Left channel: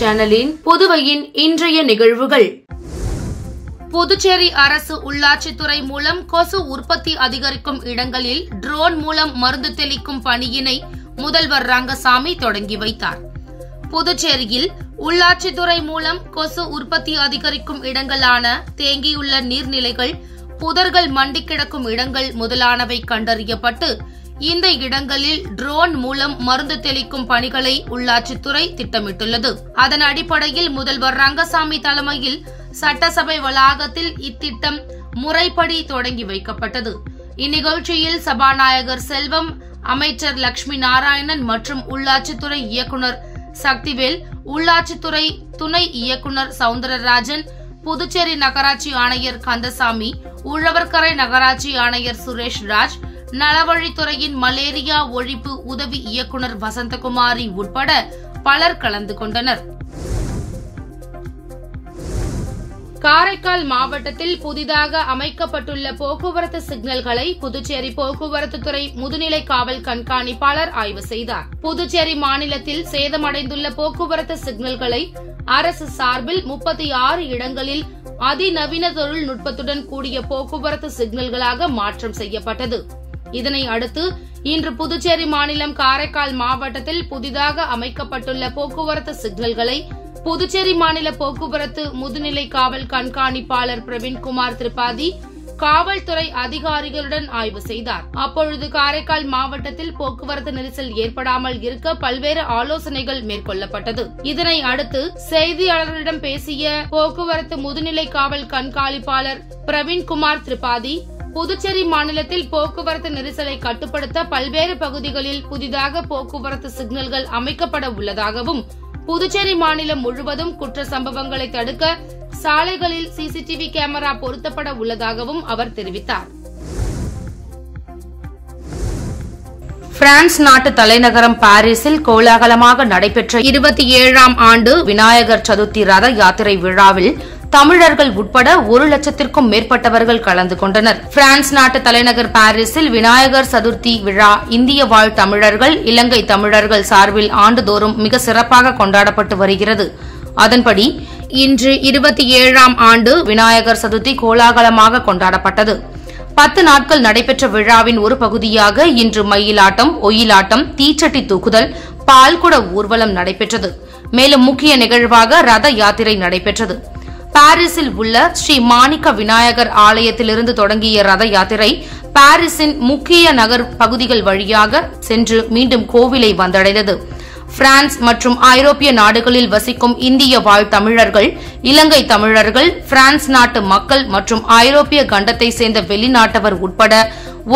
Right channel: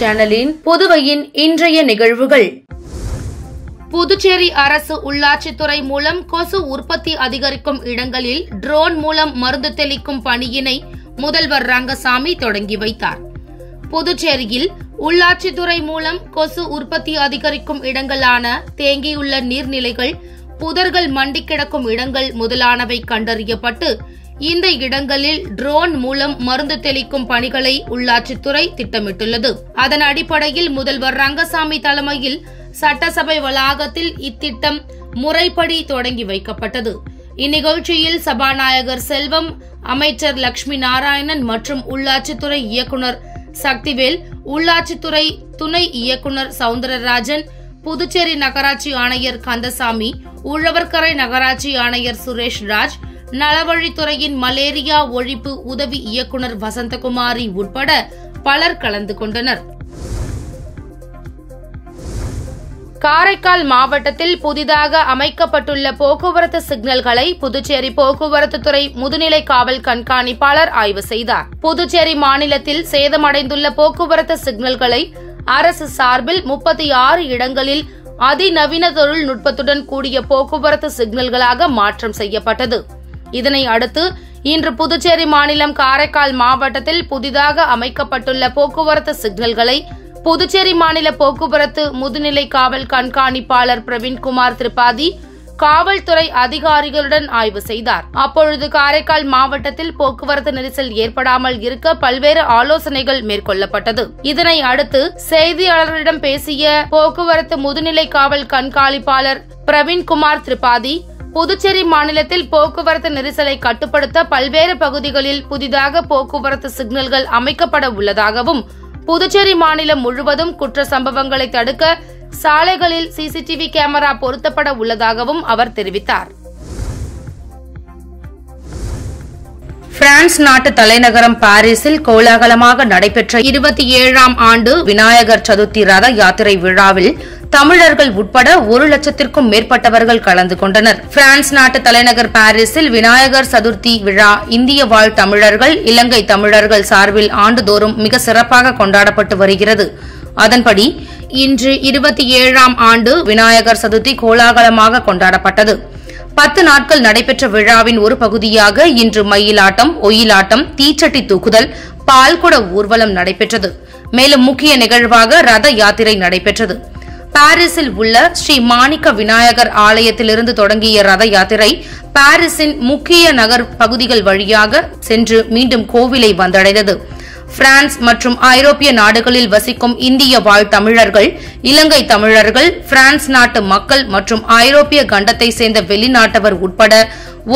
சேனலின் புதுவையின் இன்றைய நிகழ்வுகள். புதுச்சேரி அரசு உள்ளாட்சித்துறை மூலம் கொசு உற்பத்தி அதிகரிக்கும் இடங்களில் ட்ரோன் மூலம் மருந்து தெளிக்கும் பணியினை முதல்வர் ரங்கசாமி தொடங்கி வைத்தார். புதுச்சேரியில் உள்ளாட்சித்துறை மூலம் கொசு உற்பத்தி அதிகரிக்கும் இடங்களான தேங்கியுள்ள நீர்நிலைகள், புதர்கள் மண்டி கிடக்கும் இடங்கள் முதலானவை கண்டறியப்பட்டு இந்த இடங்களில் ட்ரோன் மூலம் மருந்து தெளிக்கும் பணிகளை உள்ளாட்சித்துறை திட்டமிட்டுள்ளது. அதன் அடிப்படையில் முதல்வர் ரங்கசாமி தலைமையில் சட்டசபை வளாகத்தில் இத்திட்டம் முறைப்படி தொடங்கி வைக்கப்பட்டது. இந்நிகழ்ச்சியில் சபாநாயகர் செல்வம், அமைச்சர் லட்சுமி நாராயணன் மற்றும் உள்ளாட்சித்துறை இயக்குநர் சக்திவேல், உள்ளாட்சித்துறை துணை இயக்குநர் சவுந்தரராஜன், புதுச்சேரி நகராட்சி ஆணையர் கந்தசாமி, உழவர்கரை நகராட்சி ஆணையர் சுரேஷ்ராஜ், நலவழித்துறையின் மலேரியா ஒழிப்பு உதவி இயக்குநர் வசந்தகுமாரி உட்பட பலர் கலந்து கொண்டனர். காரைக்கால் மாவட்டத்தில் புதிதாக அமைக்கப்பட்டுள்ள போக்குவரத்து சிக்னல்களை புதுச்சேரி போக்குவரத்து துறை முதுநிலை காவல் கண்காணிப்பாளர் ஆய்வு செய்தார். புதுச்சேரி மாநிலத்தில் சேதமடைந்துள்ள போக்குவரத்து சிக்னல்களை அரசு சார்பில் 36 இடங்களில் அதிநவீன தொழில்நுட்பத்துடன் கூடிய போக்குவரத்து சிக்னல்களாக மாற்றம் செய்யப்பட்டது. இதனை அடுத்து இன்று புதுச்சேரி மாநிலம் காரைக்கால் மாவட்டத்தில் புதிதாக அமைக்கப்பட்டுள்ள போக்குவரத்து சிக்னல்களை புதுச்சேரி மாநில போக்குவரத்து முதுநிலை காவல் கண்காணிப்பாளர் பிரவீன்குமார் திரிபாதி காவல்துறை அதிகாரிகளுடன் ஆய்வு செய்தார். அப்பொழுது காரைக்கால் மாவட்டத்தில் போக்குவரத்து நெரிசல் ஏற்படாமல் இருக்க பல்வேறு ஆலோசனைகள் மேற்கொள்ளப்பட்டது. இதனை அடுத்து செய்தியாளர்களிடம் பேசிய போக்குவரத்து முதுநிலை காவல் கண்காணிப்பாளர் பிரவீன்குமார் திரிபாதி, புதுச்சேரி மாநிலத்தில் போக்குவரத்து நெரிசலை கட்டுப்படுத்த பல்வேறு பகுதிகளில் புதிதாக போக்குவரத்து சிக்னல்கள் அமைக்கப்பட உள்ளதாகவும், புதுச்சேரி மாநிலம் முழுவதும் குற்ற சம்பவங்களை தடுக்க சாலைகளில் சிசிடிவி கேமரா பொருத்தப்பட உள்ளதாகவும் அவர் தெரிவித்தார். பிரான்ஸ் நாட்டு தலைநகரம் பாரிஸில் கோலாகலமாக நடைபெற்ற 27ஆம் ஆண்டு விநாயகர் சதுர்த்தி ரத யாத்திரை விழாவில் தமிழர்கள் உட்பட 1 லட்சத்திற்கும் மேற்பட்டவர்கள் கலந்து கொண்டனர். பிரான்ஸ் நாட்டு தலைநகர் பாரிஸில் விநாயகர் சதுர்த்தி விழா இந்திய வாழ் தமிழர்கள், இலங்கை தமிழர்கள் சார்பில் ஆண்டுதோறும் மிக சிறப்பாக கொண்டாடப்பட்டு வருகிறது. அதன்படி இன்று 27ஆம் ஆண்டு விநாயகர் சதுர்த்தி கோலாகலமாக கொண்டாடப்பட்டது. 10 நாட்கள் நடைபெற்ற விழாவின் ஒரு பகுதியாக இன்று மயிலாட்டம், ஒயிலாட்டம், தீச்சட்டி தூக்குதல், பால்குட ஊர்வலம் நடைபெற்றது. மேலும் முக்கிய நிகழ்வாக ரத யாத்திரை நடைபெற்றது. பாரிஸில் உள்ள ஸ்ரீ மாணிக்க விநாயகர் ஆலயத்திலிருந்து தொடங்கிய ரத யாத்திரை பாரிஸின் முக்கிய நகர் பகுதிகள் வழியாக சென்று மீண்டும் கோவிலை வந்தடைந்தது. பிரான்ஸ் மற்றும் ஐரோப்பிய நாடுகளில் வசிக்கும் இந்திய வாழ் தமிழர்கள், இலங்கை தமிழர்கள், பிரான்ஸ் நாட்டு மக்கள் மற்றும் ஐரோப்பிய கண்டத்தை சேர்ந்த வெளிநாட்டவர் உட்பட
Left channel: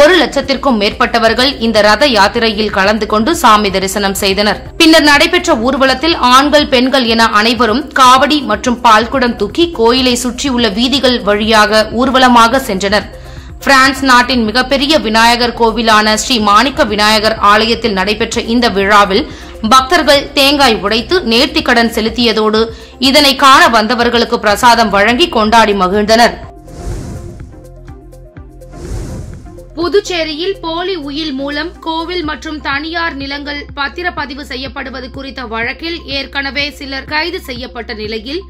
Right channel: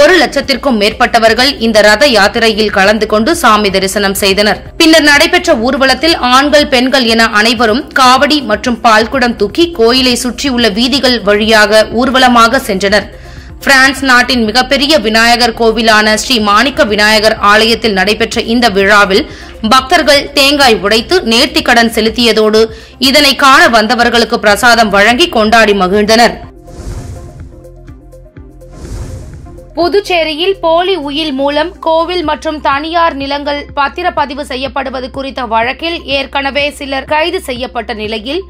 1 லட்சத்திற்கும் மேற்பட்டவர்கள் இந்த ரத யாத்திரையில் கலந்து கொண்டு சாமி தரிசனம் செய்தனர். பின்னர் நடைபெற்ற ஊர்வலத்தில் ஆண்கள், பெண்கள் என அனைவரும் காவடி மற்றும் பால்குடம் தூக்கி கோயிலை சுற்றியுள்ள வீதிகள் வழியாக ஊர்வலமாக சென்றனர். பிரான்ஸ் நாட்டின் மிகப்பெரிய விநாயகர் கோவிலான ஸ்ரீ மாணிக்க விநாயகர் ஆலயத்தில் நடைபெற்ற இந்த விழாவில் பக்தர்கள் தேங்காய் உடைத்து நேர்த்திக்கடன் செலுத்தியதோடு இதனை காண வந்தவர்களுக்கு பிரசாதம் வழங்கி கொண்டாடி மகிழ்ந்தனர். புதுச்சேரியில் போலி உயில் மூலம் கோவில் மற்றும் தனியார் நிலங்கள் பத்திரப்பதிவு செய்யப்படுவது குறித்த வழக்கில் ஏற்கனவே சிலர் கைது செய்யப்பட்ட நிலையில்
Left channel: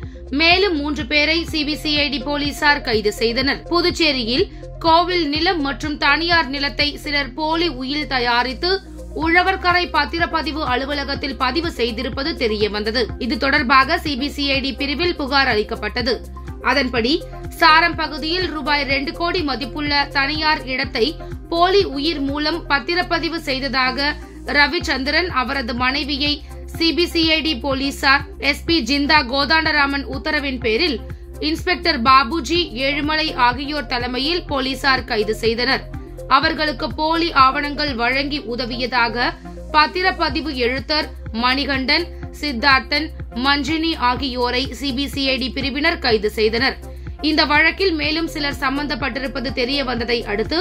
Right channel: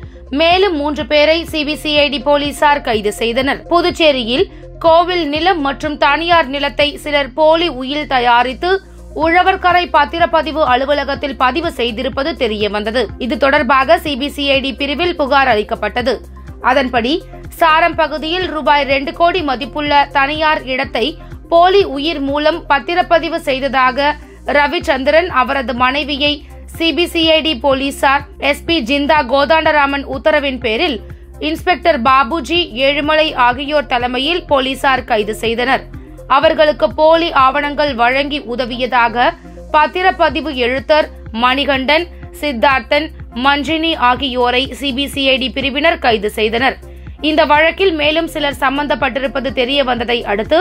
மேலும் 3 பேரை சிபிசிஐடி போலீசார் கைது செய்தனர். புதுச்சேரியில் கோவில் நிலம் மற்றும் தனியார் நிலத்தை சிலர் போலி உயில் தயாரித்து உழவர்கரை பத்திரப்பதிவு அலுவலகத்தில் பதிவு செய்திருப்பது தெரியவந்தது. இது தொடர்பாக சிபிசிஐடி பிரிவில் புகார் அளிக்கப்பட்டது. அதன்படி சாரம் பகுதியில் ரூபாய் 2 கோடி மதிப்புள்ள தனியார் இடத்தை போலி உயிர் மூலம் பத்திரப்பதிவு செய்ததாக ரவிச்சந்திரன், அவரது மனைவியை சிபிசிஐடி போலீசார் எஸ்பி ஜிந்தா கோதாண்டராமன் உத்தரவின் பேரில் இன்ஸ்பெக்டர் பாபுஜி, ஏழுமலை ஆகியோர் தலைமையில் போலீசார் கைது செய்தனர். அவர்களுக்கு போலி ஆவணங்கள் வழங்கி உதவியதாக பத்திரப்பதிவு எழுத்தர் மணிகண்டன், சித்தார்த்தன், மஞ்சினி ஆகியோரை சிபிசிஐடி பிரிவினர் கைது செய்தனர். இந்த வழக்கில் மேலும் சிலர் சம்பந்தப்பட்டிருப்பது தெரியவந்ததை அடுத்து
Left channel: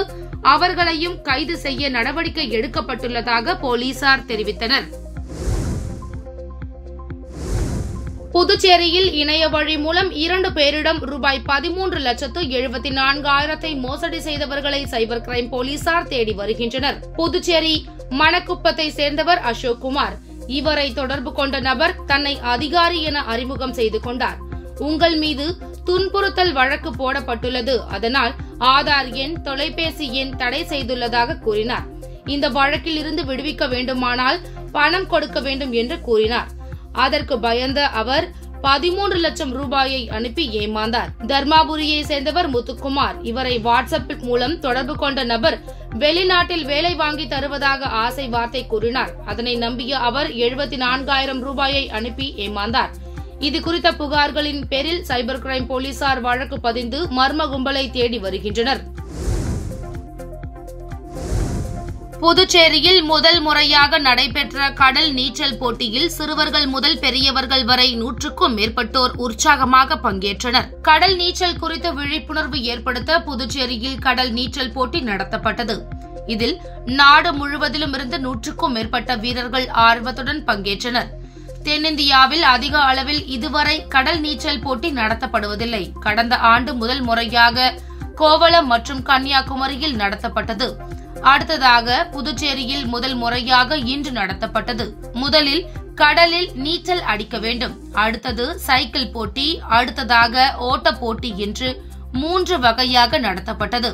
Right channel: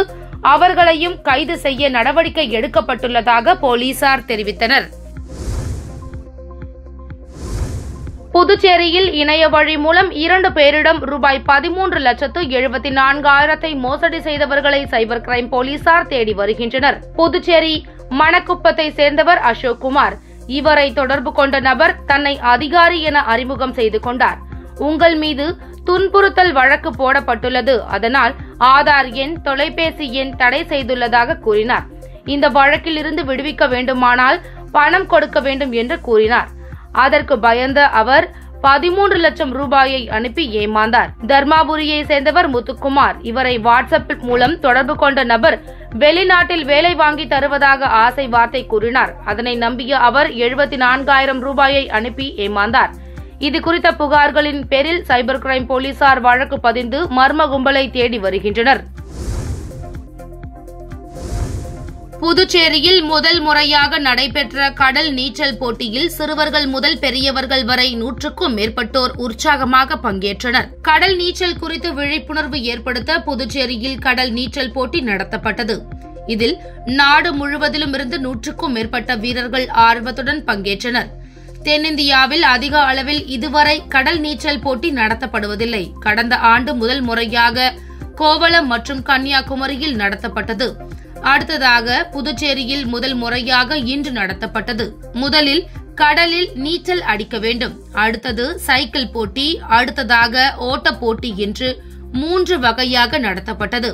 அவர்களையும் கைது செய்ய நடவடிக்கை எடுக்கப்பட்டுள்ளதாக போலீசார் தெரிவித்தனர். புதுச்சேரியில் இணைய வழி மூலம் 2 பேரிடம் ரூபாய் 13,74,000 மோசடி செய்தவர்களை சைபர் கிரைம் போலீசார் தேடி வருகின்றனர். புதுச்சேரி மணக்குப்பத்தை சேர்ந்தவர் அசோக்குமார். இவரை தொடர்பு கொண்ட நபர் தன்னை அதிகாரி என அறிமுகம் செய்து கொண்டார். உங்கள் மீது துன்புறுத்தல் வழக்கு போடப்பட்டுள்ளது, அதனால் ஆதார் எண், தொலைபேசி எண் தடை செய்துள்ளதாக கூறினார். இந்த வழக்கில் இருந்து விடுவிக்க வேண்டுமானால் பணம் கொடுக்க வேண்டும் என்று கூறினார். அதற்கு பயந்த அவர் 13 லட்சம் ரூபாயை அனுப்பி ஏமாந்தார். தர்மாபுரியை சேர்ந்தவர் முத்துக்குமார். இவரை வாட்ஸ்அப் மூலம் தொடர்பு கொண்ட நபர் வெளிநாட்டில் வேலை வாங்கி தருவதாக ஆசை வார்த்தை கூறினார். அதனை நம்பிய அவர் 74,000 ரூபாயை அனுப்பி ஏமாந்தார். இது குறித்த புகார்களின் பேரில் சைபர் கிரைம் போலீசார் வழக்கு பதிந்து மர்ம கும்பலை தேடி வருகின்றனர். புதுச்சேரியில் முதல் முறையாக நடைபெற்ற கடல் நீச்சல் போட்டியில் சிறுவர்கள் முதல் பெரியவர்கள் வரை 100க்கும் மேற்பட்டோர் உற்சாகமாக பங்கேற்றனர். கடல் நீச்சல் குறித்து விழிப்புணர்வு ஏற்படுத்த புதுச்சேரியில் கடல் நீச்சல் போட்டி நடத்தப்பட்டது. இதில் நாடு முழுவதிலும் இருந்து 100க்கும் மேற்பட்ட வீரர்கள் ஆர்வத்துடன் பங்கேற்றனர். தென்னிந்தியாவில் அதிக அளவில் இதுவரை கடல் நீச்சல் போட்டி நடத்தப்படுவதில்லை. கடந்த ஆண்டு முதல் முறையாக கோவளம் மற்றும் கன்னியாகுமரியில் நடத்தப்பட்டது. அடுத்ததாக புதுச்சேரியில் முதல் முறையாக இன்று நடத்தப்பட்டது. முதலில் கடலில் நீச்சல் அடிக்க வேண்டும், அடுத்தது சைக்கிள் போட்டி, அடுத்ததாக ஓட்ட போட்டி என்று 3 வகையாக நடத்தப்பட்டது.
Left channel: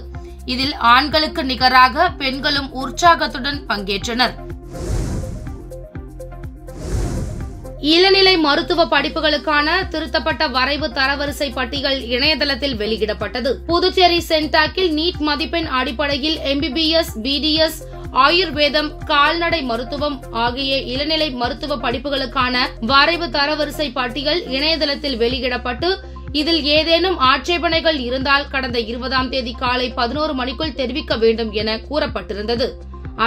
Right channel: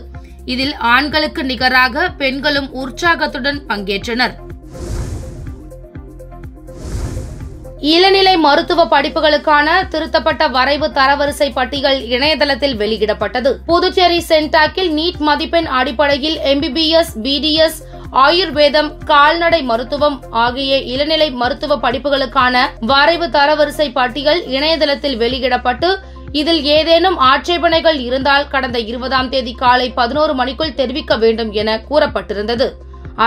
இதில் ஆண்களுக்கு நிகராக பெண்களும் உற்சாகத்துடன் பங்கேற்றனர். இளநிலை மருத்துவ படிப்புகளுக்கான திருத்தப்பட்ட வரைவு தரவரிசை பட்டியல் இணையதளத்தில் வெளியிடப்பட்டது. புதுச்சேரி சென்டாக்கில் நீட் மதிப்பெண் அடிப்படையில் MBBS, BDS, ஆயுர்வேதம், கால்நடை மருத்துவம் ஆகிய இளநிலை மருத்துவ படிப்புகளுக்கான வரைவு தரவரிசை பட்டியல் இணையதளத்தில் வெளியிடப்பட்டு இதில் ஏதேனும் ஆட்சேபனைகள் இருந்தால் கடந்த 20ஆம் தேதி காலை 11 மணிக்குள் தெரிவிக்க வேண்டும் என கூறப்பட்டிருந்தது.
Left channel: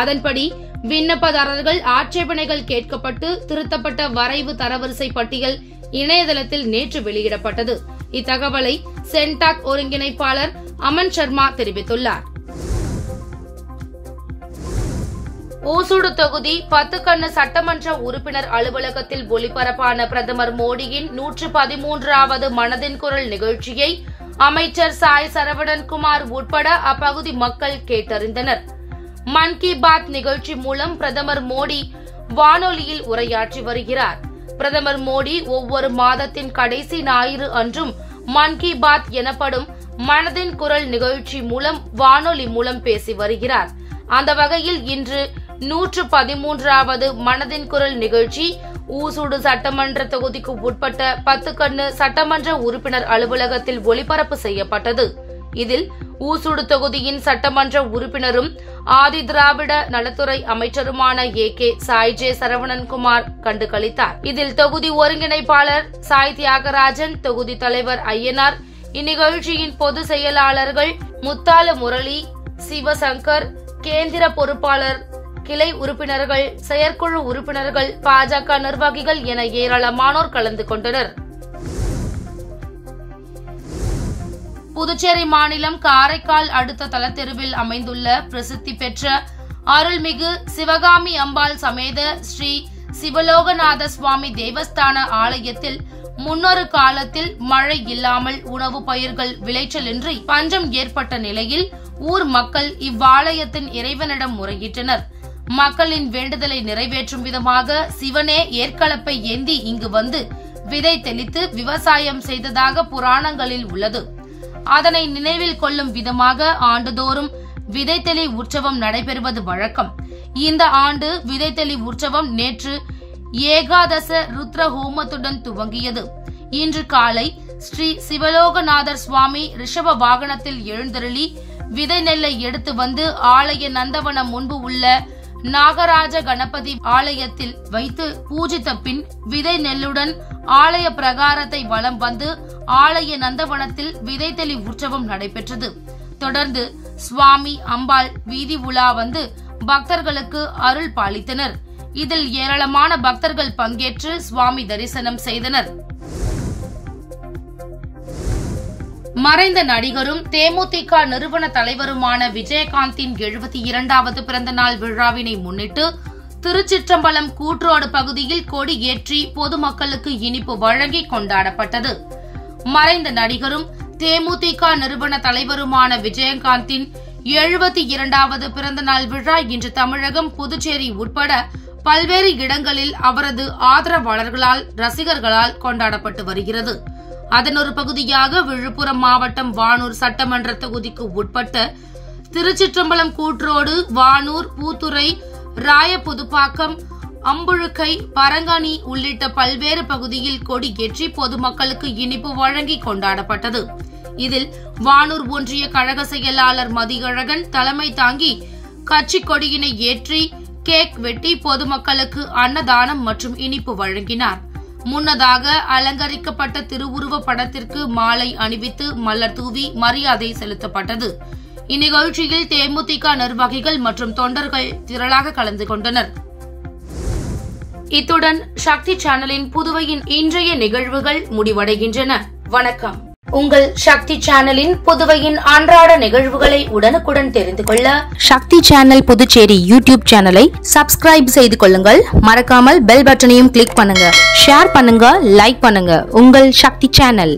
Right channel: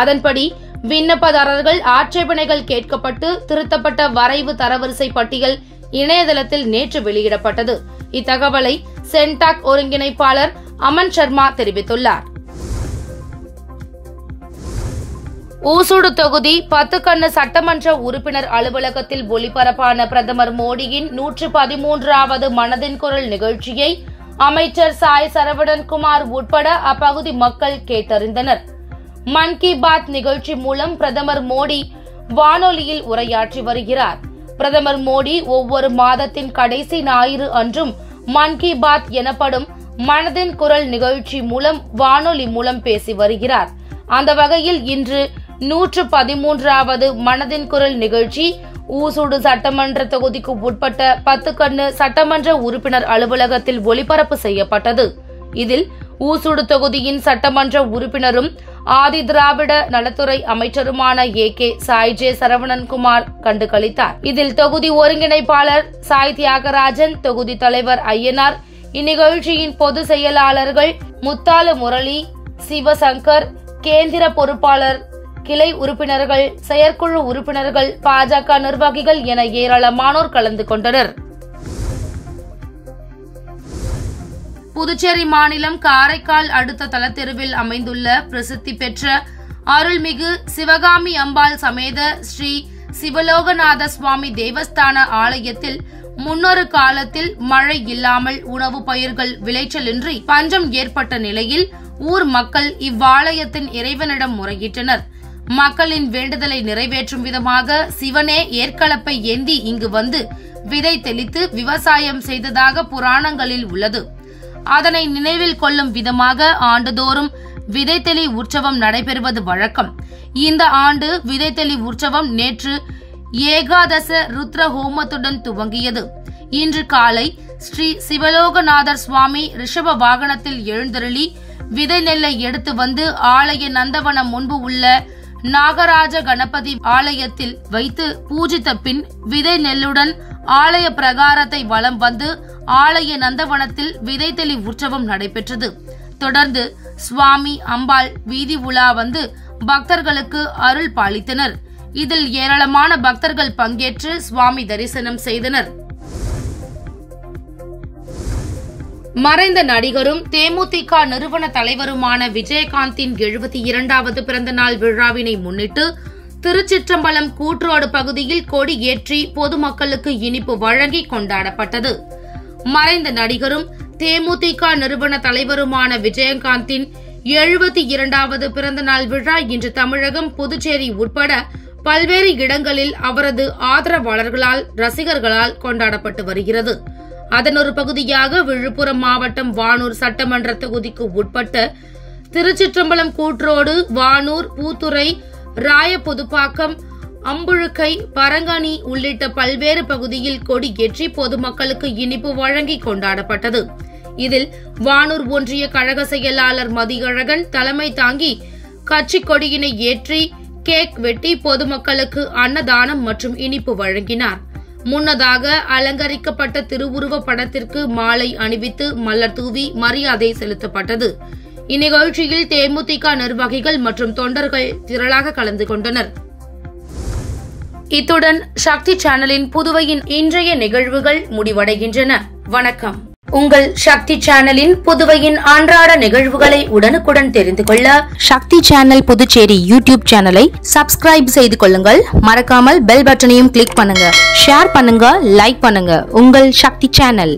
அதன்படி விண்ணப்பதாரர்கள் ஆட்சேபனைகள் கேட்கப்பட்டு திருத்தப்பட்ட வரைவு தரவரிசை பட்டியல் இணையதளத்தில் நேற்று வெளியிடப்பட்டது. இத்தகவலை சென்டாக் ஒருங்கிணைப்பாளர் அமன் சர்மா தெரிவித்துள்ளார். ஊசுடு தொகுதி 10 கண்ணு சட்டமன்ற உறுப்பினர் அலுவலகத்தில் ஒளிபரப்பான பிரதமர் மோடியின் 113வது மனதின் குரல் நிகழ்ச்சியை அமைச்சர் சாய் சரவணன்குமார் உட்பட அப்பகுதி மக்கள் கேட்டறிந்தனர். மன் கி பாத் நிகழ்ச்சி மூலம் பிரதமர் மோடி வானொலியில் உரையாற்றி வருகிறார். பிரதமர் மோடி ஒவ்வொரு மாதத்தின் கடைசி ஞாயிறு அன்றும் மன் கி பாத் எனப்படும் மனதின் குரல் நிகழ்ச்சி மூலம் வானொலி மூலம் பேசி வருகிறார். அந்த வகையில் இன்று 113வது மனதின் குரல் நிகழ்ச்சி ஊசுடு சட்டமன்ற தொகுதிக்கு உட்பட்ட 10 கண்ணு சட்டமன்ற உறுப்பினர் அலுவலகத்தில் ஒளிபரப்பு செய்யப்பட்டது. இதில் ஊசுடு தொகுதியின் சட்டமன்ற உறுப்பினரும் ஆதி திராவிட நலத்துறை அமைச்சருமான AK சாய் ஜே சரவணன்குமார் கண்டுகளித்தார். இதில் தொகுதி ஒருங்கிணைப்பாளர் சாய் தியாகராஜன், தொகுதி தலைவர் ஐயனார், இந்நிகழ்ச்சியின் பொதுச் செயலாளர்கள் முத்தாலு முரளி, சிவசங்கர், கேந்திர பொறுப்பாளர், கிளை உறுப்பினர்கள், செயற்குழு உறுப்பினர்கள், பாஜக நிர்வாகிகள் என ஏராளமானோர் கலந்து கொண்டனர். புதுச்சேரி மாநிலம் காரைக்கால் அடுத்த தலத்தெருவில் அமைந்துள்ள பிரசித்தி பெற்ற அருள்மிகு சிவகாமி அம்பாள் சமேத ஸ்ரீ சிவலோகநாத சுவாமி தேவஸ்தான ஆலயத்தில் முன்னொரு காலத்தில் மழை இல்லாமல் உணவு பயிர்கள் விளைச்சலின்றி பஞ்சம் ஏற்பட்ட நிலையில் ஊர் மக்கள் இவ்வாலயத்தின் இறைவனிடம் முறையிட்டனர். மக்களின் வேண்டுதலை நிறைவேற்றும் விதமாக சிவனே ஏற்களப்பை ஏந்தி இங்கு வந்து விதை தெளித்து விவசாயம் செய்ததாக புராணங்களில் உள்ளது. அதனை நினைவில் கொள்ளும் விதமாக ஆண்டுதோறும் விதைத்தெளி உற்சவம் நடைபெறுவது வழக்கம். இந்த ஆண்டு விதைத்தெளி உற்சவம் நேற்று ஏகாதச ருத்ர ஹோமத்துடன் துவங்கியது. இன்று காலை ஸ்ரீ சிவலோகநாதர் சுவாமி ரிஷப வாகனத்தில் எழுந்தருளி விதை நெல்லை எடுத்து வந்து ஆலய நந்தவனம் முன்பு உள்ள நாகராஜ கணபதி ஆலயத்தில் வைத்து பூஜித்த பின் விதை நெல்லுடன் ஆலய பிரகாரத்தை வலம் வந்து ஆலய நந்தவனத்தில் விதைத்தெளி உற்சவம் நடைபெற்றது. தொடர்ந்து சுவாமி அம்பாள் வீதி உலா வந்து பக்தர்களுக்கு அருள் பாலித்தனர். இதில் ஏராளமான பக்தர்கள் பங்கேற்று சுவாமி தரிசனம் செய்தனர். மறைந்த நடிகரும் தேமுதிக நிறுவன தலைவருமான விஜயகாந்தின் 72வது பிறந்தநாள் விழாவினை முன்னிட்டு திருச்சிற்றம்பலம் கூட்ரோடு பகுதியில் கொடி ஏற்றி பொதுமக்களுக்கு இனிப்பு வழங்கி கொண்டாடப்பட்டது. மறைந்த நடிகரும் தேமுதிக நிறுவன தலைவருமான விஜயகாந்தின் 72வது பிறந்தநாள் விழா இன்று தமிழகம், புதுச்சேரி உட்பட பல்வேறு இடங்களில் அவரது ஆதரவாளர்களால் ரசிகர்களால் கொண்டாடப்பட்டு வருகிறது. அதன் ஒரு பகுதியாக விழுப்புரம் மாவட்டம் வானூர் சட்டமன்ற தொகுதிக்கு உட்பட்ட திருச்சிற்றம்பலம் கூட்ரோடு, வானூர், பூத்துறை, ராயபுதுப்பாக்கம், அம்புழுக்கை, பரங்கனி உள்ளிட்ட பல்வேறு பகுதியில் கொடியேற்றி பொதுமக்களுக்கு இனிப்பு வழங்கி கொண்டாடப்பட்டது. இதில் வானூர் ஒன்றிய கழக செயலாளர் மதியழகன் தலைமை தாங்கி கட்சி கொடியினை ஏற்றி கேக் வெட்டி பொதுமக்களுக்கு அன்னதானம் மற்றும் இனிப்பு வழங்கினார். முன்னதாக அலங்கரிக்கப்பட்ட திருவுருவ படத்திற்கு மாலை அணிவித்து மலர் தூவி மரியாதை செலுத்தப்பட்டது. இந்நிகழ்ச்சியில் தேமுதிக நிர்வாகிகள் மற்றும் தொண்டர்கள் திரளாக கலந்து கொண்டனர். இத்துடன் சக்தி சேனலின் புதுவையின் இன்றைய நிகழ்வுகள் முடிவடைகின்றன. வணக்கம். உங்கள் சக்தி சேனலின் புதுவையின் அன்றாட நிகழ்வுகளை உடனுக்குடன் தெரிந்து கொள்ள சக்தி சேனல் புதுச்சேரி யூடியூப் சேனலை சப்ஸ்கிரைப் செய்து கொள்ளுங்கள். மறக்காமல் பெல் பட்டனையும் கிளிக் பண்ணுங்க, ஷேர் பண்ணுங்க, லைக் பண்ணுங்க. உங்கள் சக்தி சேனல்.